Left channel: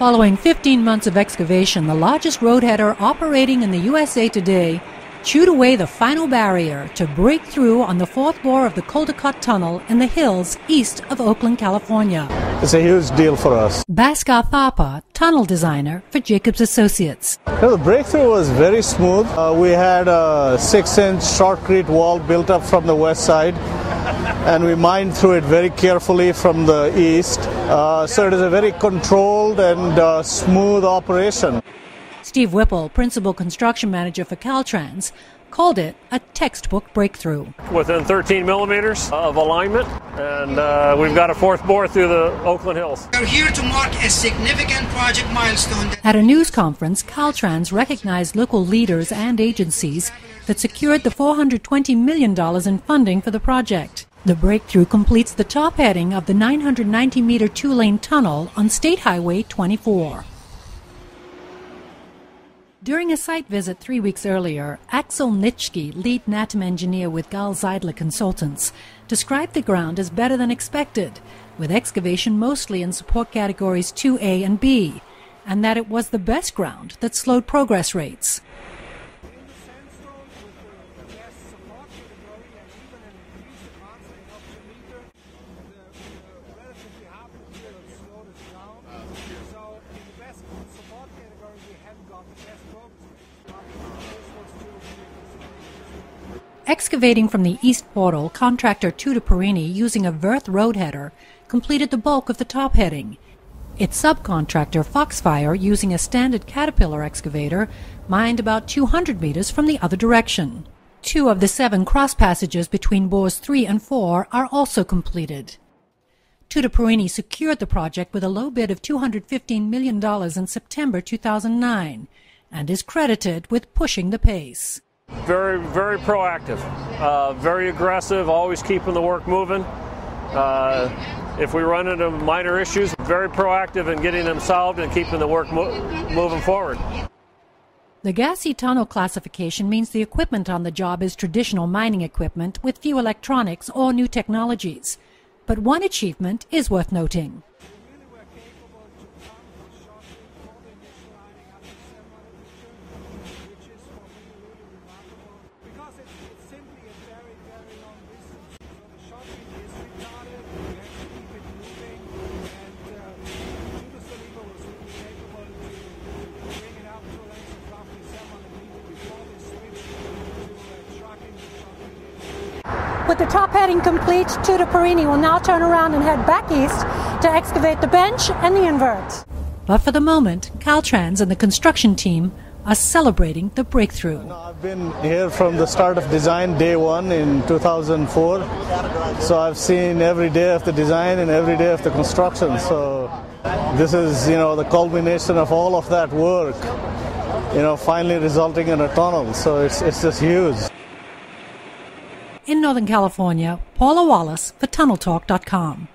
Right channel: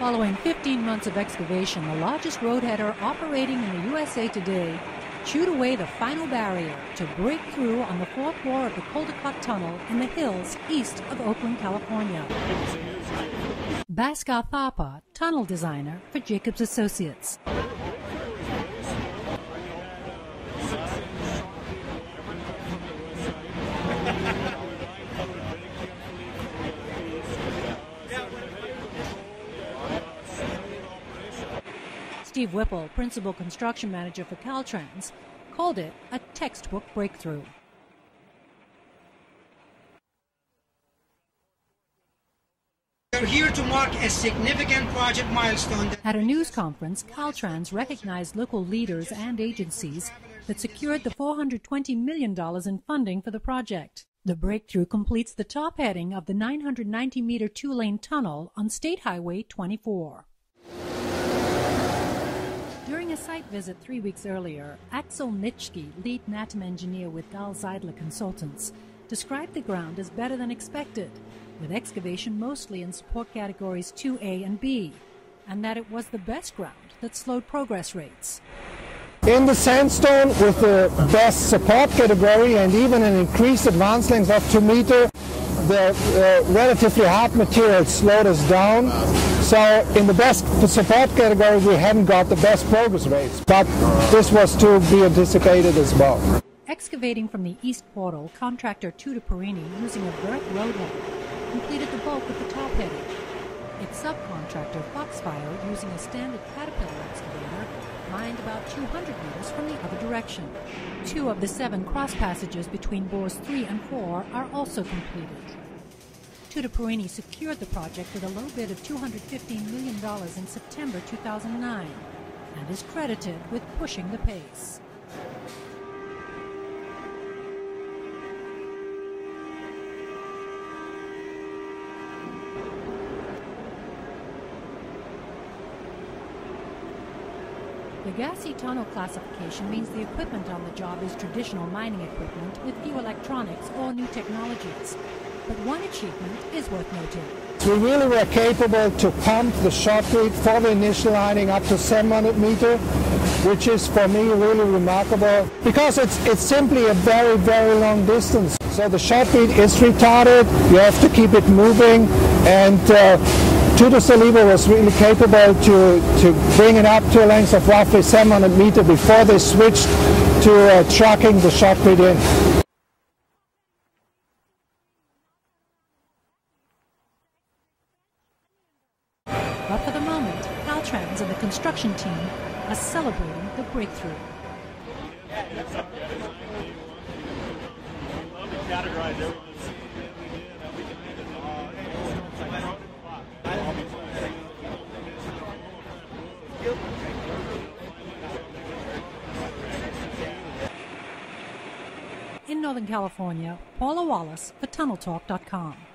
Following 15 months of excavation, the largest roadheader operating in the USA today chewed away the final barrier to break through on the fourth bore of the Caldecott Tunnel in the hills east of Oakland, California. It's a huge deal for us. Bhaskar Thapa, tunnel designer for Jacobs Associates. The breakthrough was very smooth. We had a 6-inch shotcrete wall built up from the west side, and we mined through it very carefully from the east. So it is a very controlled and smooth operation. Steve Whipple, principal construction manager for Caltrans, called it a textbook breakthrough. Within 13 millimeters of alignment, and we've got a fourth bore through the Oakland Hills. We're here to mark a significant project milestone. At a news conference, Caltrans recognized local leaders and agencies that secured the $420 million in funding for the project. The breakthrough completes the top heading of the 990-meter two-lane tunnel on State Highway 24. During a site visit 3 weeks earlier, Axel Nitschke, lead NATM engineer with Gall Zeidler Consultants, described the ground as better than expected, with excavation mostly in support categories 2A and B, and that it was the best ground that slowed progress rates. In the sandstone with the best support category and even an increased advance length of 2 meters, the relatively hard material slowed us down. So in the best support category we hadn't got the best progress rates, but this was to be anticipated as well. Excavating from the east portal, contractor Tuda Perini, using a Verth roadheader, completed the bulk of the top heading. Its subcontractor Foxfire, using a standard Caterpillar excavator, mined about 200 meters from the other direction. 2 of the 7 cross passages between bores 3 and 4 are also completed. Tuda Perini secured the project with a low bid of $215 million in September 2009 and is credited with pushing the pace. Very, very proactive, very aggressive, always keeping the work moving. If we run into minor issues, very proactive in getting them solved and keeping the work moving forward. The gassy tunnel classification means the equipment on the job is traditional mining equipment with few electronics or new technologies. But one achievement is worth noting. We really were capable to pump the shotcrete for the initial lining up to 700 meters, which is for me really remarkable because it's simply a very, very long distance. So the shotcrete is retarded, you have to keep it moving, and Tuda Saliba was really capable to bring it up to a length of roughly 700 meters before they switched to trucking the shotcrete in. With the top heading complete, Tuda Perini will now turn around and head back east to excavate the bench and the invert. But for the moment, Caltrans and the construction team are celebrating the breakthrough. I've been here from the start of design, day 1 in 2004. So I've seen every day of the design and every day of the construction. So this is, the culmination of all of that work, finally resulting in a tunnel. So it's just huge. In Northern California, Paula Wallace for TunnelTalk.com.